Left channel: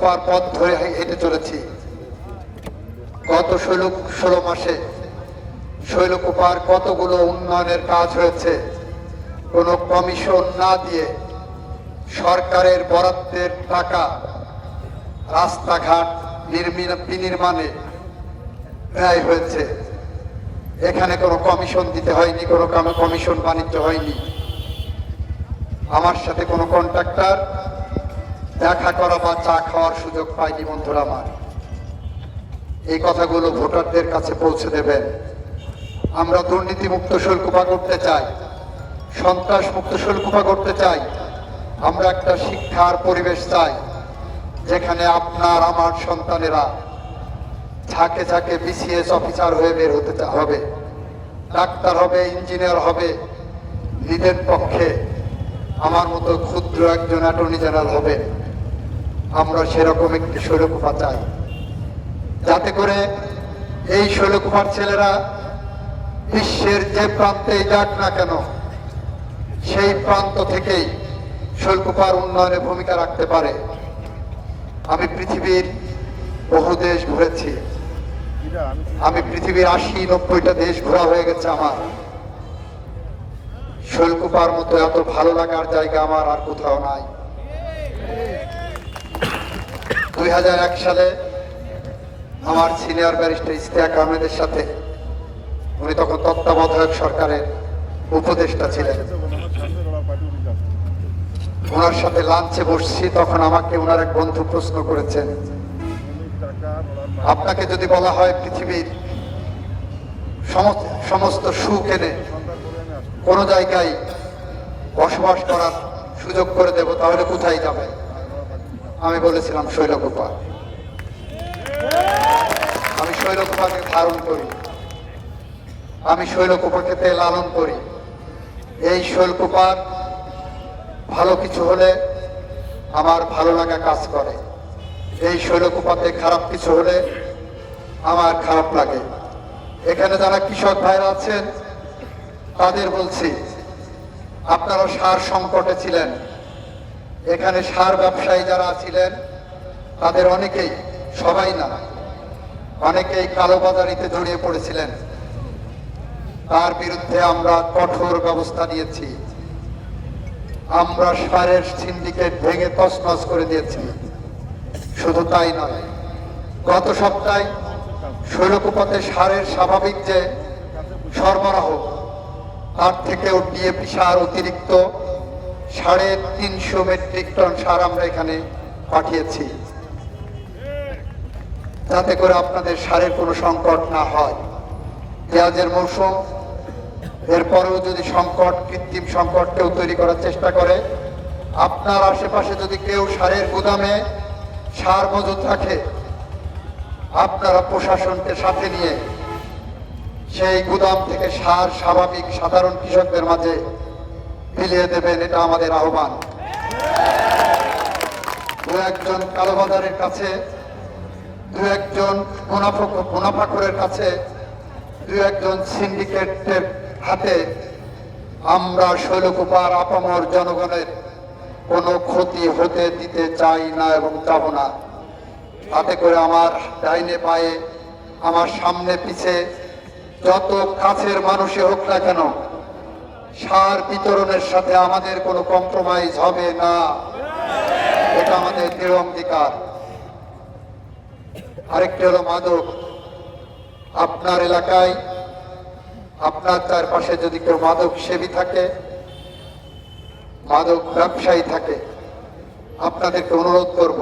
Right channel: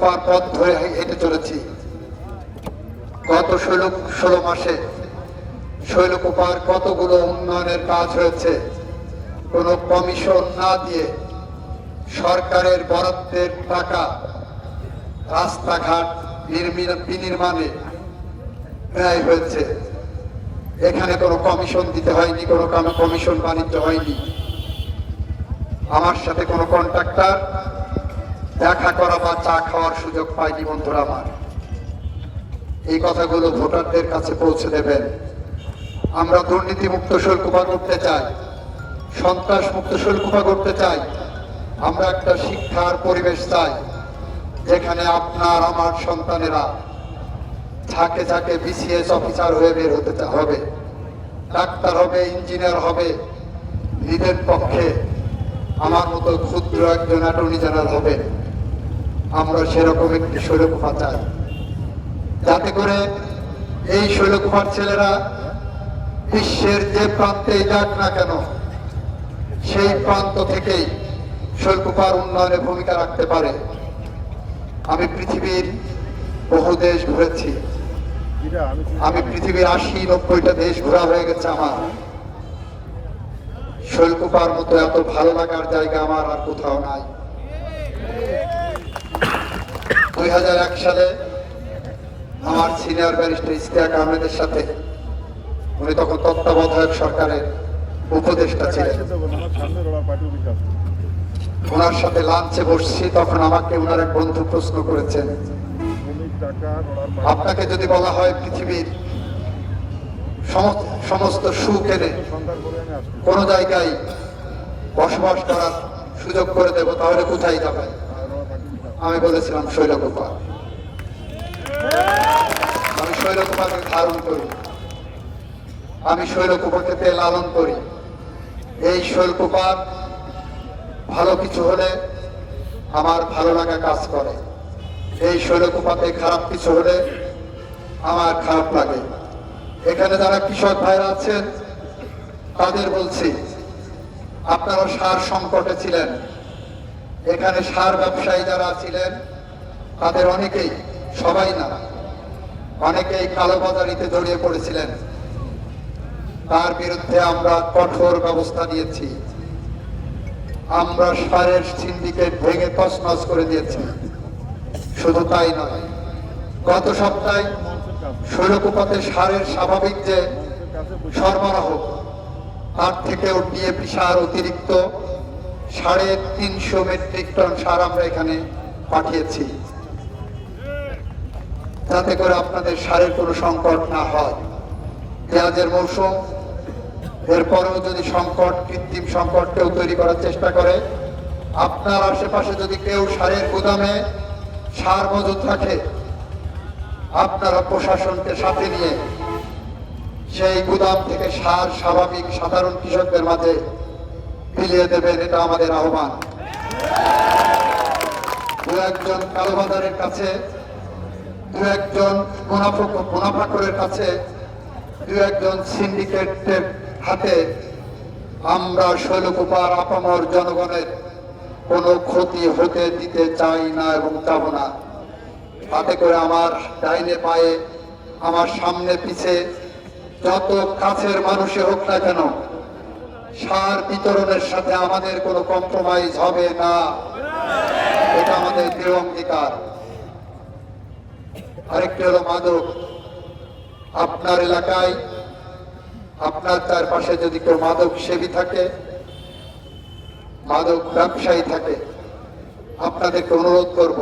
পার পথ ধরে হেঁটে চলেছি। গত ষোলো ষোলো মাসে শৈলকুপার কতগুলো উন্নয়নের কাজ হয়েছে, কোনো কমিশন না দিয়ে সরকারের বরাদ্দের টাকা রাস্তাঘাট নির্মি- বিনির্মাণে ব্যয় হয়েছে। এখানে কোনো কমিশন দিতে হয়নি, কোনো কাম- কমিশন বাণিজ্য হয়নি। আমার সাথে কোনো কন্ট্রাক্টর দেখা করা বা চা খাওয়ার সুযোগ পায়নি বন্ধুরা আমার। এই কথাগুলো ভোটারদের কাছে পৌঁছে দেবেন। আমরা দুর্নীতিমুক্ত শৈলকুপা করতে চাই সন্ত্রাস মুক্ত শৈলকুপা করতে চাই। আমরা একটা শিক্ষার পরিবেশ চাই, যেখানে আপনার, আমার সন্তানেরা ঝাঁকে ঝাঁকে বিসিএস অফিসার হয়ে বের হতে হবে। ডাক্তার হবে, ইঞ্জিনিয়ার হবে নিজের পক্ষে আমার মতো ক্ষুদ্র একজন অ্যাটর্নি জেনারেল হবে আমরা সেরকম একটি শৈলকুপা চাই। যাতে করে এই শৈলকুমার ছেলেরা বিশ্বের যে প্রান্তেই যাক না কেন, সেই প্রান্ত থেকেই শৈলকুপার উন্নয়নে ভূমিকা রাখতে পারে। আমি পৃথিবীর বহু দেশ ঘুরেছি। আমি পৃথিবীর আশি, নব্বইটা দেশ ঘোরা হয়ে গেছে আমার। শৈলকুপার মতো এত ভালো লাগার জায়গা আমার আর কোথাও নাই। দুই হাজার এক সালে আমার সিনিয়র ব্যারিস্টার ইস্তিয়াক আহমেদের সাথে উনি তখন তত্ত্বাবধায়ক সরকারের উপদেষ্টা ছিলেন। ওনার সাথে লাঞ্চে বসছি, তখন আমাকে ওনার এক বন্ধু প্রশ্ন করেছেন, আপনাকে যদি বলা হয় পৃথিবীর সমস্ত- সুখ এনে কোনো জায়গায় বসবাস করার সুযোগ করে দেব, তাহলে কোথায় যাবে আমি বলেছিলাম শৈলকুপা। আমি শৈলকুপাকে ধারণ করি। আমি শৈলকুপাকে লালন করি। এই শৈলকুপার ভালো কিছু হলে আমার ভালো লাগা কাজ করে। এই শৈলকুপাতে খারাপ কিছু হলে আমার খারাপ লাগে। এখানে যারা কৃষক ভাইরা আছেন, তাদের বলছি আপনারা সার সংকটে ছিলেন। এখানে সার ব্যবসায়ী যারা ছিলেন, তাদের অনেকেই, সবাই না, অনেকেই কালোবাজারিতে জড়িয়ে পড়েছিলেন। তার বিরুদ্ধে আমরা কঠোর ব্যবস্থা নিয়েছি। আমরা সারের সিন্ডিকেট ভেঙে তছনছ করে দিয়েছি। শুধু তাই নয়, গত সপ্তাহে শৈলকুপাতে সারের স্বাভাবিক যে সরবরাহ, তার থেকেও ডিএপি সার অতিরিক্ত সাড়ে তিনশো মেট্রিক টন সার আমরা এখানে পাঠিয়েছি। যাতে করে আপনাদের সারের কোনো সংকট না হয়। পেঁয়াজের মৌসুম, এরপরেও যদি সংকট, কৃত্রিম সংকট কেউ তৈরি করার চেষ্টা করে, আপনার আশেপাশে যদি কেউ সারের গুদামে সার মজুত রাখে, আপনারা প্রশাসনকে সাথে নিয়ে সেই গুদাম থেকে সার স্বাভাবিক সাধারণ কৃষকদের মাঝে বিলিয়ে দেবেন, এটা আমাদের আহ্বান। দু একজন কালোবাজারের কাছে, দু একজন মুনাফা মুনাফাখোরের কাছে, দু একজন সিন্ডিকেটের হাতে আমরা শৈলকুপার আপামর জনগণের কোনো ক্ষতি হতে দিতে চাই না এবং যাব না। তাতে করে আমার ডাইনে পায়ে, আমার সামনে পিছে যত কাছের মানুষই হোক না কেন সার বিতরণের সাথে আমাদের কোনো কম্প্রোমাইজ হবে না। এটা আমাদের দৃঢ় অঙ্গীকার। আরেকটি হলো মাদক। আপনার এলাকায়, আপনার চারপাশে যদি কেউ মাদক সেবী থাকে, মাদক ব্যবসায়ী থাকে, আপনাদেরকে অনুরোধ করব,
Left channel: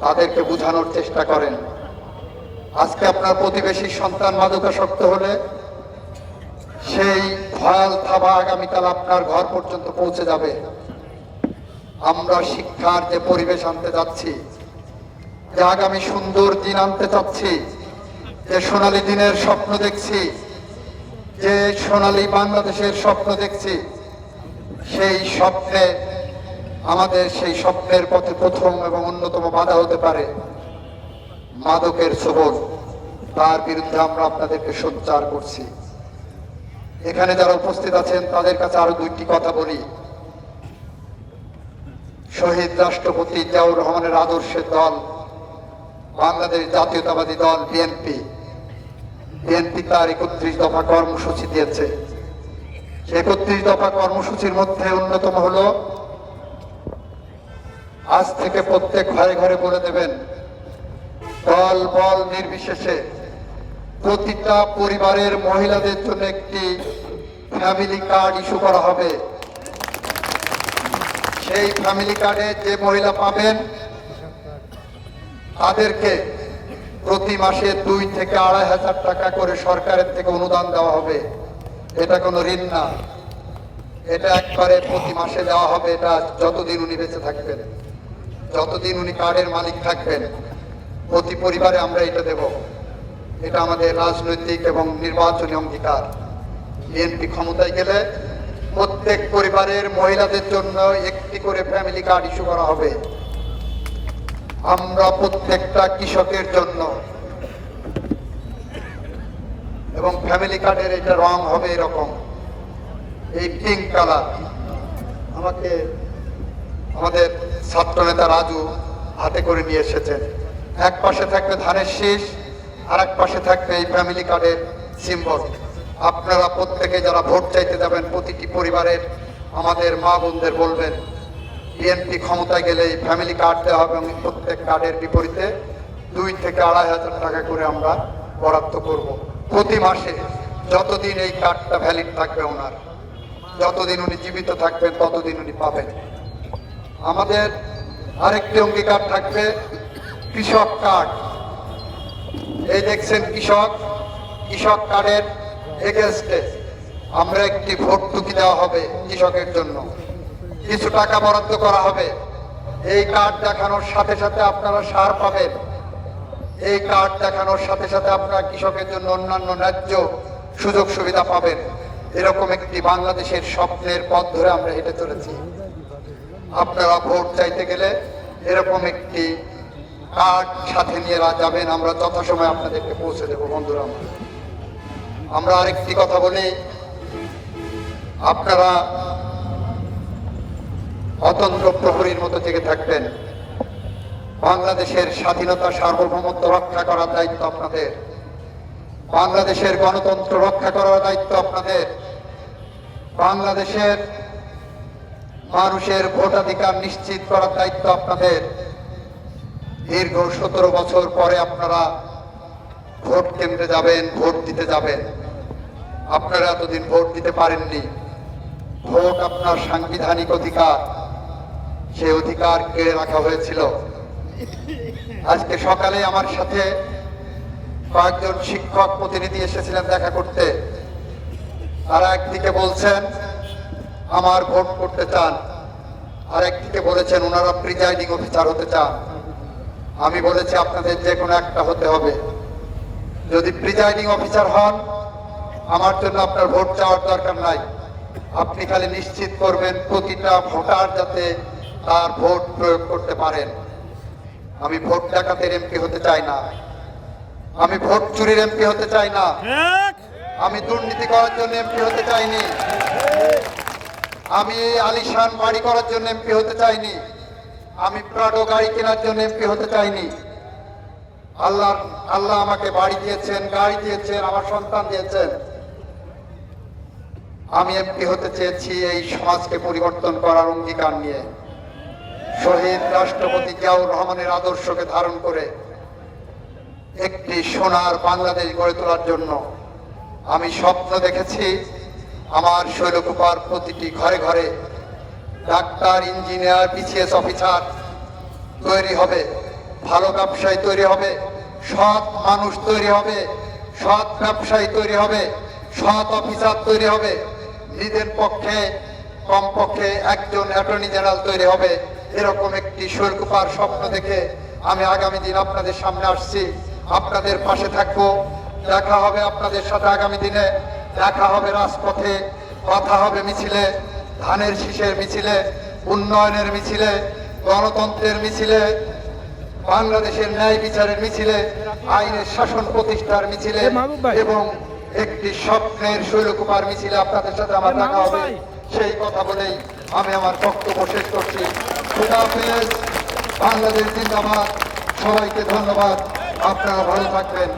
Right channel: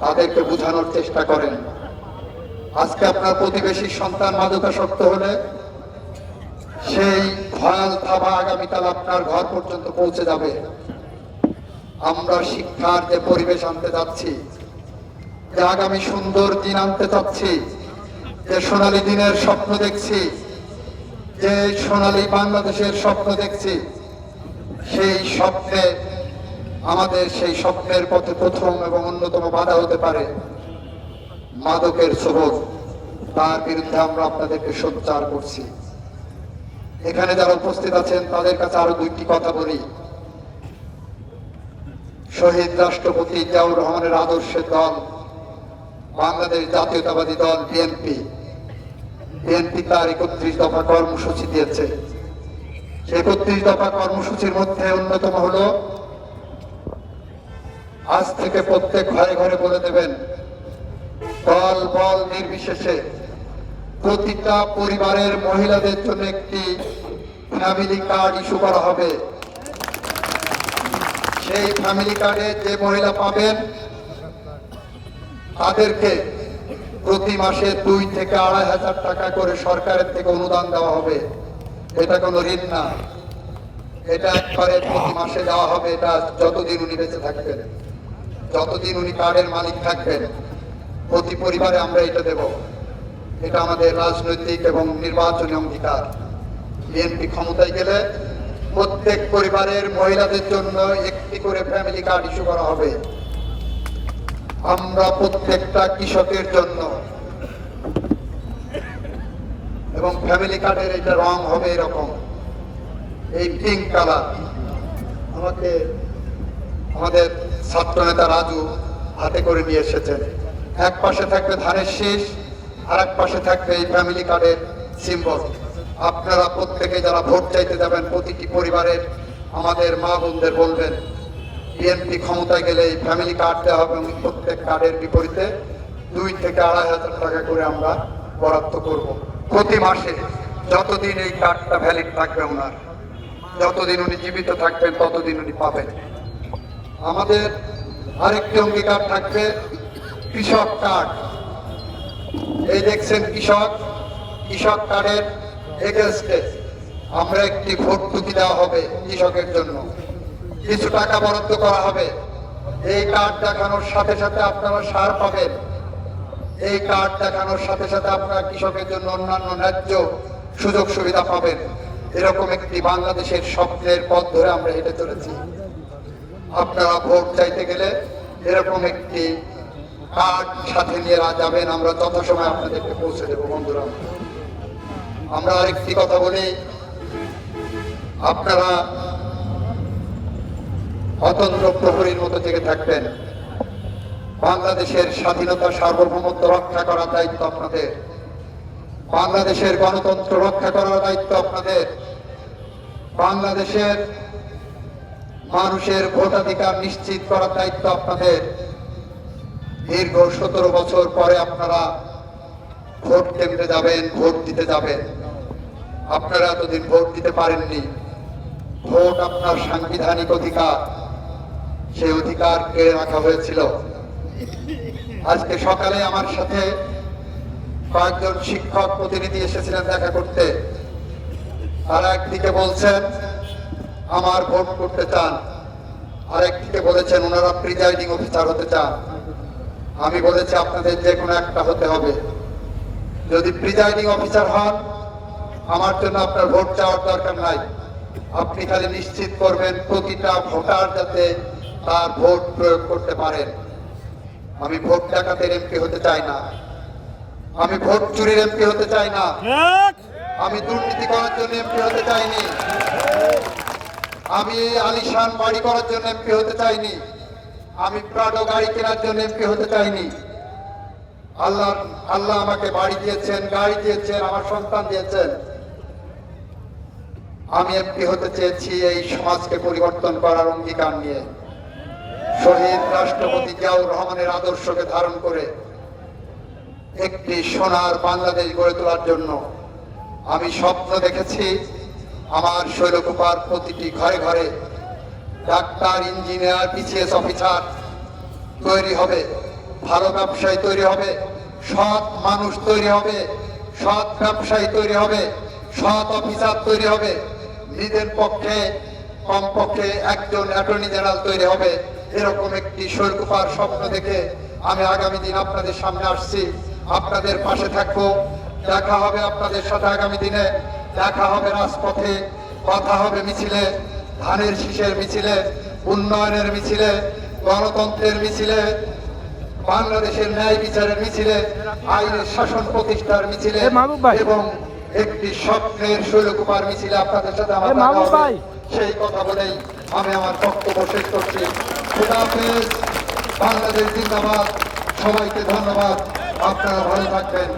তাদেরকে বোঝানোর চেষ্টা করেন। আজকে আপনার প্রতিবেশী সন্তান মাদকাসক্ত হলে সেই ভয়াল থাবা আগামীকাল আপনার ঘর পর্যন্ত পৌঁছে যাবে। আমরা শিক্ষার যে পরিবেশ আনতে যাচ্ছি, যে আগামী সুন্দর দিন আনতে চাচ্ছি, যে সোনালী দিনের স্বপ্ন দেখছি, যে সোনালী বাংলাদেশের স্বপ্ন দেখছি, সেই স্বপ্নে আমাদের সেই স্বপ্নের পথে প্রথম এবং অন্যতম বাধা হতে পারে মাদকের সবল তার বিরুদ্ধে আমরা আপনাদেরকে সোচ্চার করছি। এখানে যারা উপস্থিত আছেন, তাদের কাছে আরও দুইটি কথা বলি। শহীদ রাষ্ট্রপতি জিয়াউর রহমানের আদর্শের দল, বাংলাদেশ জাতীয়তাবাদী দল, বিএনপি। বিএনপি তার একত্রিশ দফা কর্মসূচি দিয়েছে। একত্রিশ দফা কর্মসূচির মধ্যে অন্যতম হলো, আজ থেকে প্রত্যেক ঘরে ঘরে বলে দেবেন, দল বল নির্বিশেষে প্রতিটা পরিবারের মহিলাদের জন্য একটি ফ্যামিলি কার্ড ইস্যু করা হবে। সেই ফ্যামিলি কার্ডে যে মহিলা পাবেন, তাদেরকে প্রতি মাসে দুই থেকে আড়াই হাজার টাকা করে সরকারের থেকে অনুদান দেওয়া হবে। এটা কোনো ঋণ না। এটা একবারে প্রতি মাসে দেওয়া হবে, এটা যতদিন উনি বেঁচে থাকবেন, যতদিন উনি কার্ডের মালিক থাকবেন, প্রতি পরিবারে আমরা এটা দেব। এটা আমাদের রাজনৈতিক এবং নির্বাচনী অঙ্গীকার। বিএনপি ক্ষমতায় গেলে প্রত্যেক পরিবারের মহিলাদের জন্য একটি করে ফ্যামিলি কার্ড ইস্যু করা হবে। আমরা প্রত্যেকটা কৃষকের জন্য এবং ফ্যামিলি কার্ডের এটা রং হবে এরকম। এই পিঙ্ক কালার আমাকে, আমাদের ছাত্র নেতা রাজু হাতে করে নিয়ে এসেছেন। এক পাশে থাকবে ধানের শীষ আর এক পাশে থাকবে এই ফ্যামিলি কার্ডের সিম্বল আপনারা প্রত্যেকে যারা ভোট চাইতে যাবেন, প্রতিটি পরিবারের আমাদের মা বোনদের বলবেন বিএনপি ক্ষমতায় গেলে এই ফ্যামিলি কার্ড দেওয়া হবে এবং প্রত্যেক কার্ডের বিপরীতে দুই থেকে আড়াই হাজার টাকা করে আমরা বরাদ্দ করব। প্রতি মাসে যতদিন এই কার্ডটা ভ্যালিড থাকবে ওনার, যতদিন উনি জীবিত থাকবেন, ততদিন উনি পাবেন। আমাদের আরেকটি অঙ্গীকার থাকবে, কৃষক কার্ড এই দেখছেন কৃষক কৃষক কার্ডের এগেনস্টে আমরা একটি ভর্তুকি দেওয়া হবে কৃষকের জন্য। কিছু টাকা বরাদ্দ করা হবে। এই কার্ড দেখানোর সাথে সাথে আপনারা সার পাবেন। এই কার্ড দেখানোর সাথে সাথে আপনারা কৃষকের জন্য অন্যান্য ন্যায্য সুযোগ সুবিধা পাবেন। এরকম একটি বাংলাদেশের স্বপ্নের পথ ধরে আমরা হেঁটে চলেছি। আপনারা ভোট চাইতে গেলে এরকম একটি সাথে নিয়ে যাবেন? আমরা আপনাদেরকে পৌঁছে দেবো, বন্ধুরা। আমরা আরেকটি কথা বলি। আপনারা অতন্ত্র প্রহরীর মতো থাকবেন। বাংলাদেশের স্বাধীনতা সার্বভৌমত্ব রক্ষা করার দায়িত্ব আপনাদের। বাংলাদেশের গণতন্ত্র রক্ষা করার দায়িত্ব আপনাদের। বাংলাদেশের মানুষের ভোটাধিকার নিশ্চিত করার দায়িত্ব আপনাদের। দীর্ঘ সতেরো বছর পরে আপনারা ভোট কেন্দ্রে যাবেন, ভোট দিতে যাবেন। আপনারা এতদিন ভোট দিতে পারেননি। ভোট আপনার সাংবিধানিক অধিকার। সেই অধিকার কেড়ে রাখা হয়েছিল। আজকে সকালে আমার সাথে কয়েকজন শিক্ষক প্রতিনিধি এসেছিলেন দেখা করতে। তারা একদিকে বলছেন, আমার ভোট করতে চান। আরেকদিকে বলেছেন, ওনারা প্রিজাইডিং অফিসার হতে চান। আমি বলেছি আপনাদের যে কোনো একটা হতে হবে। যদি প্রিজাইডিং অফিসার হন আমার জন্য আপনার ভোট চাওয়ার দরকার নাই। আপনি খালি নিশ্চিত করবেন প্রতিটা ভোটার যাতে তার ভোট প্রয়োগ করতে পারেন। আমি ভোট ডাকাতের এমপি হতে চাই না। আমি ভোট চুরির এমপি হতে চাই না। আমি দুর্নীতি করার জন্য এমপি হতে চাইনি। আমি আলিশান বাড়ি করার জন্য এমপি হতে চাইনি। আমি প্রাডো গাড়ি কেনার জন্য এমপি হতে চাইনি। আল্লাহ আল্লাহ আমাকে বাড়ি দিয়েছেন, গাড়ি দিয়েছেন, আমার সন্তান দিয়েছেন। আমি এমপি হতে চেয়েছি এই সমাজকে পরিবর্তন করার অঙ্গীকার নিয়ে। শহীদ রাষ্ট্রপতি জিয়াউর রহমানের আদর্শকে ধারণ করে একটি সোনার বাংলাদেশ গড়ে তোলার জন্য আমি স্বপ্ন দেখেছি আমার শৈলকুপার প্রতিটি ঘরে ঘরে ডাক্তার, ইঞ্জিনিয়ার, বিসিএস অফিসার তৈরি হবে, ভালো ব্যবসায়ী তৈরি হবে, সৎ মানুষ তৈরি হবে, সৎ ব্যবসায়ী তৈরি হবে, সৎ অফিসার তৈরি হবে, নিজের পক্ষে, কমপক্ষে একজন অ্যাটর্নি জেনারেল তৈরি হবে, এরকম একটি শৈলকুপার স্বপ্ন দেখে আমি আগামী দিন আপনাদের সামনে আসছি। আপনাদের পাশে থাকব, দেখা হবে আপনাদের সাথে আগামী দিনে, দেখা হবে রাজপথে, কথা হবে মিছিলে ধানের শীষের মিছিলে উন্নয়নের মিছিলে গণতন্ত্রের মিছিলে বাংলাদেশের ন্যায় বিচারের মিছিলে আইনের শাসন প্রতিষ্ঠার মিছিলে। এবং একটি স্বপ্নের শৈলকুমার মিছিলে আপনাদের সাথে আমার দেখা হবে। সেই কথা বলেই আমি আমার বক্তব্য শেষ করছি। বাংলাদেশ জিন্দাবাদ। সবাইকে ধন্যবাদ। আপনারা ভালো থাকবেন।